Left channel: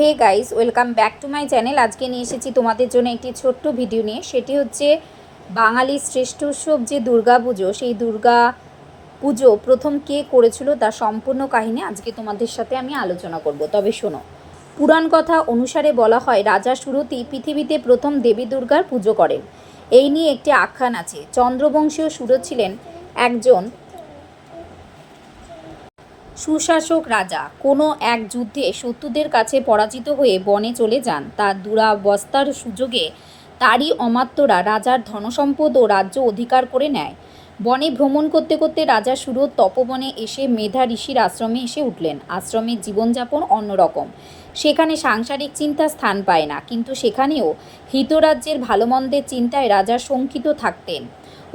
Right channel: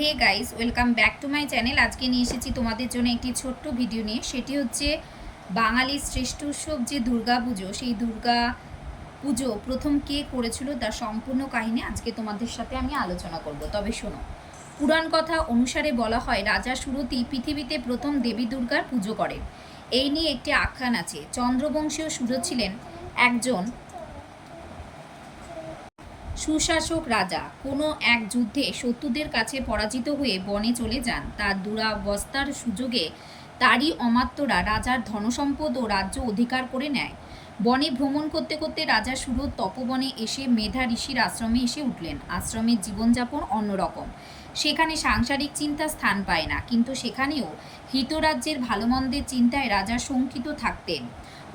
Hey guys, welcome back to my channel. আজকে নিয়ে এসেছি তোমাদের জন্য একটি ছোট্ট ভিডিও নিয়ে। সেটি হচ্ছে বাঙালির শ্রেষ্ঠ উৎসব যে দুর্গা পুজো, সেই দুর্গা পুজো প্রথম কে করেছিল তার সম্পূর্ণ কাহিনী আজকে তোমাদের সাথে আমি আলোচনা করব। তবে শোনো, পুরাণ কথা অনুসারে বলা হয় রাজা সুরতি পৃথিবীতে প্রথম দেবী দুর্গার পুজো করেন। এই নিয়ে একটি আখ্যান আছে। চন্দ্রবংশীয় সুরত ছিলেন একজন সুশাসক রাজা। কোনো এক যুদ্ধে শত্রুদের কাছে পরাজিত হয়ে বনে চলে যান। তার দুরাবস্থার সুযোগে তারই অমাত্যরা রাজার ধনসম্পদ ও রাজ্য অধিকার করে নেয়। বনে ভ্রমণ করতে করতে রাজা সুরত তপবনে এসে মেধা ঋষির আশ্রমে এসে উঠলেন। আশ্রমের জীবনযাপন অন্যরকম। সেখানে সাংসারিক চিন্তা স্থান পায় না, কিন্তু সেখানেও হিতরাজ্যের ভালোমন্দের চিন্তায় রাজা শঙ্কিত থাকতেন।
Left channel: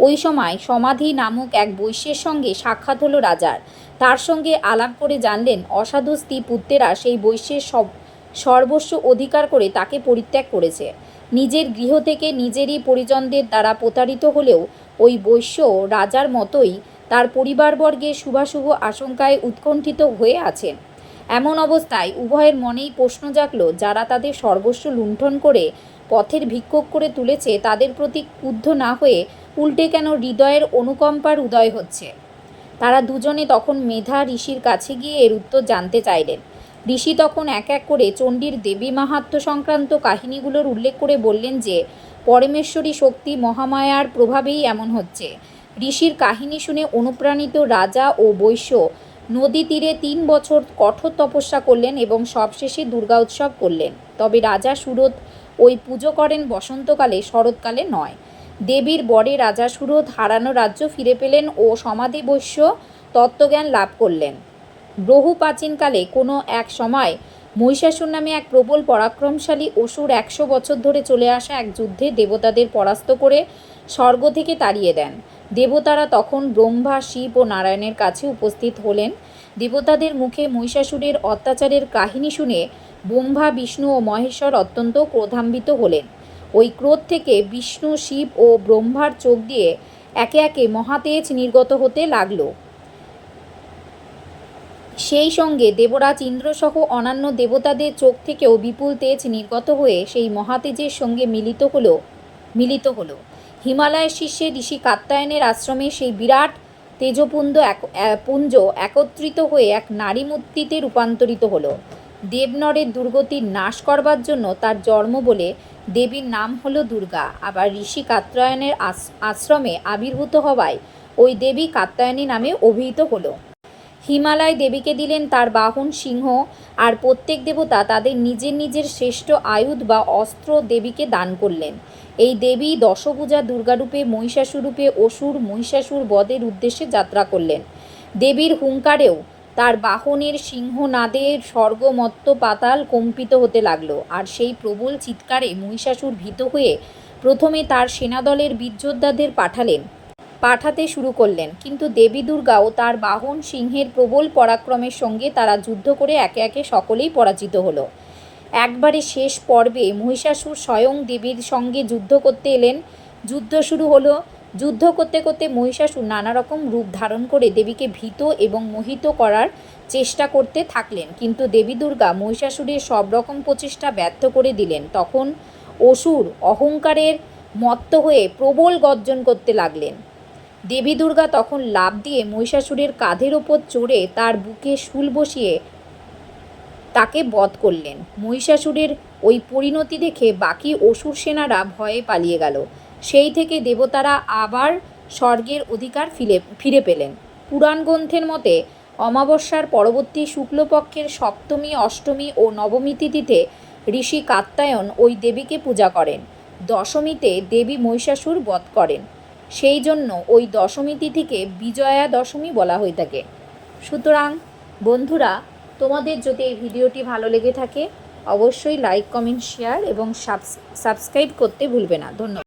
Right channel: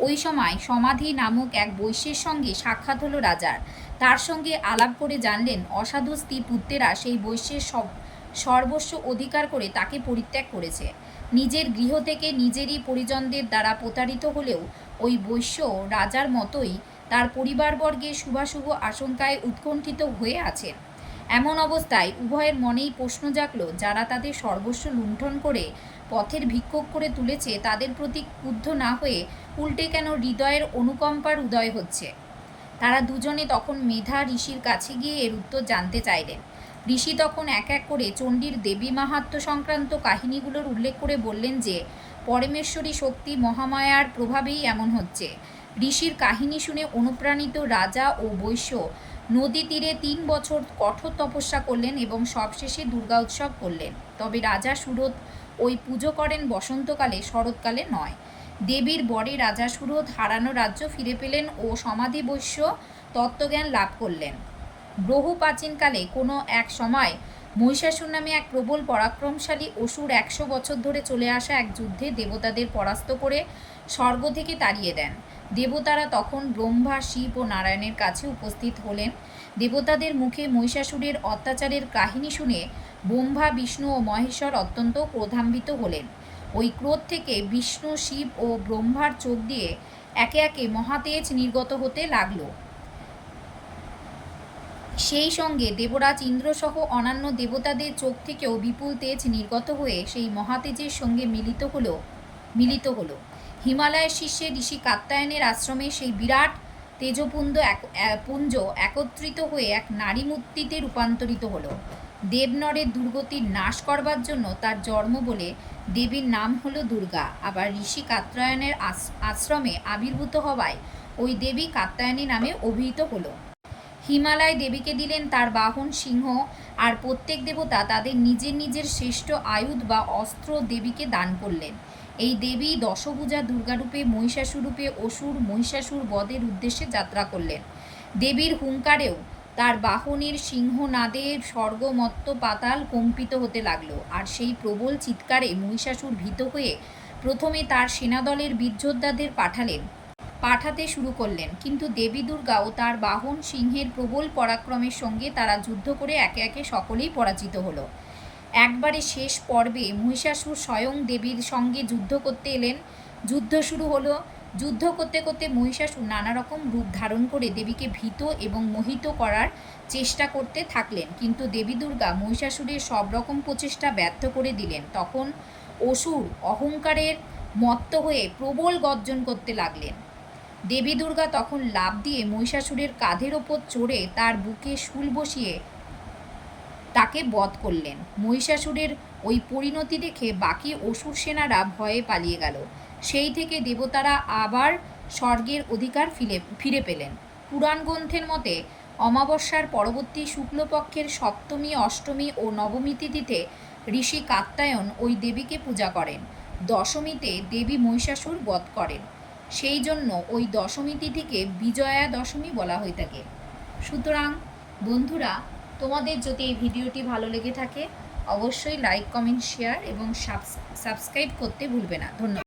ওই সময় সমাধি নামক এক বৈশ্যের সঙ্গে সাক্ষাৎ হলো রাজার। তার সঙ্গে আলাপ করে জানলেন অসাধু স্ত্রী পুত্রেরা সেই বৈশ্যের সর্বস্ব অধিকার করে তাকে পরিত্যাগ করেছে। নিজের গৃহ থেকে নিজেরই পরিজনদের দ্বারা প্রতারিত হলেও ওই বৈশ্য রাজার মতোই তার পরিবারবর্গের শুভাশুভ আশঙ্কায় উৎকণ্ঠিত হয়ে আছেন। এমন অবস্থায় উভয়ের মনেই প্রশ্ন জাগল, যারা তাদের সর্বস্ব লুণ্ঠন করে পথের ভিক্ষুক করে তুলেছে তাদের প্রতি ক্রুদ্ধ না হয়ে উল্টে কেন হৃদয়ের অনুকম্পার উদয় হচ্ছে। তারা দুজনে তখন মেধা ঋষির কাছে গিয়ে এর উত্তর জানতে চাইলেন। ঋষি তখন এক এক করে চণ্ডীর দেবী মাহাত্ম্য সংক্রান্ত কাহিনীগুলোর উল্লেখ করে বললেন যে পরমেশ্বরী শক্তি মহামায়ার প্রভাবেই এমন হচ্ছে। ঋষির কাহিনী শুনে অনুপ্রাণিত রাজা ও বৈশ্য নদী তীরে 3 বছর কঠোর তপস্যা করলেন এবং সবশেষে দুর্গা উৎসব করলেন। তবে রাজা সুরত ওই পুজো করেন বসন্তকালে, শরৎকালে নয়। দেবীর বরে রাজা সুরত হারানো রাজ্য ফিরে পেলেন ও সমাধি বৈশ্য তত্ত্বজ্ঞান লাভ করলেন। বহু প্রাচীনকালে কোনো এক সময় মহিষাসুর নামে এক প্রবল পরাক্রমশালী অসুর 100 বছর ধরে চলে আসা এক যুদ্ধে দেবতাদের পরাস্ত করে স্বর্গ থেকে তাড়িয়ে দেন। দেবতারা তখন ব্রহ্মা, শিব ও নারায়ণের কাছে উপস্থিত হলেন। দেবতাদের মুখে মহিষাসুরের অত্যাচারের কাহিনী শুনে ব্রহ্মা, বিষ্ণু ও মহেশ্বর অত্যন্ত ক্রোধান্বিত হলেন। ওই ক্রোধ থেকে বিষ্ণু, শিব ও ব্রহ্মার চোখ দিয়ে একে একে মহাতেজ নির্গত হতে লাগল। সেই সঙ্গে দেবরাজ ইন্দ্রসহ অন্যান্য দেবতাদের চোখ থেকেও বিপুল তেজ নির্গত হয়ে সেই মহাতেজের সঙ্গে মিলিত হলো। হিমালয়ের শীর্ষে ঋষি কাত্যায়নের আশ্রমে সেই বিরাট পুঞ্জ একত্রিত হয়ে এক নারী মূর্তিতে রূপান্তরিত হলো। দেবনরের দুর্গতির নাশ করবার জন্য তার জন্ম বলে দেবীর নাম হলো দুর্গা। আবার ঋষি কাত্যায়নের আশ্রমে আবির্ভূত হওয়ায় ওই দেবী কাত্যায়নী নামে অভিহিত হলো। হিমালয় দেবীকে দিলেন তার বাহন সিংহ, আর প্রত্যেক দেবতা তাদের নিজের নিজের শ্রেষ্ঠ আয়ুধ বা অস্ত্র দেবীকে দান করলেন। এই দেবী দশভুজা দুর্গারূপে মহিষাসুরূপে অসুর মহিষাসুর বধের উদ্দেশ্যে যাত্রা করলেন। দেবীর হুঙ্কারেও তার বাহনের সিংহনাদে স্বর্গমত্ত পাতাল কম্পিত হতে লাগল। আর সেই প্রবল চিৎকারে মহিষাসুর ভীত হয়ে প্রথমে তার সেনাদলের বীরযোদ্ধাদের পাঠাতে শুরু করলেন, কিন্তু দেবী দুর্গা ও তার বাহন সিংহের প্রবল পরাক্রমের সঙ্গে তারা যুদ্ধ করে একে একে সকলেই পরাজিত হলো। একবারে শেষ পর্বে মহিষাসুর স্বয়ং দেবীর সঙ্গে যুদ্ধ করতে এলেন। যুদ্ধ শুরু হলো। যুদ্ধ করতে করতে মহিষাসুর নানা রকম রূপ ধারণ করে দেবীকে ভীত এবং মোহিত করার চেষ্টা করতে থাকলেন, কিন্তু দেবী দুর্গা মহিষাসুরের সব রকম প্রচেষ্টা ব্যর্থ করে দিলেন। তখন অসুর অহংকারের মত্ত হয়ে প্রবল গর্জন করতে লাগলেন। দেবী দুর্গা তখন লাফ দিয়ে মহিষাসুরের কাঁধের ওপর চড়ে তার বুকে শূল বসিয়ে তাকে বধ করলেন। মহিষাসুরের ওই পরিণতি দেখে বাকি অসুর সেনারা ভয়ে পালিয়ে গেল। সেই থেকে দেবতারা আবার স্বর্গের অধিকার ফিরে পেলেন। পুরাণ গ্রন্থের মতে অমাবস্যার পরবর্তী শুক্লপক্ষের সপ্তমী, অষ্টমী ও নবমী তিথিতে ঋষি কাত্যায়ন ওই দেবীকে পূজা করেন। দশমীতে দেবী মহিষাসুর বধ করেন। সেই জন্য ওই দশমী তিথিকে বিজয়া দশমী বলা হয়ে থাকে। সুতরাং বন্ধুরা, তোমাদের যদি এই ভিডিওটি ভালো লেগে থাকে অবশ্যই লাইক, কমেন্ট, শেয়ার এবং সাবস্ক্রাইব করতে ভুলবে না। ধন্যবাদ।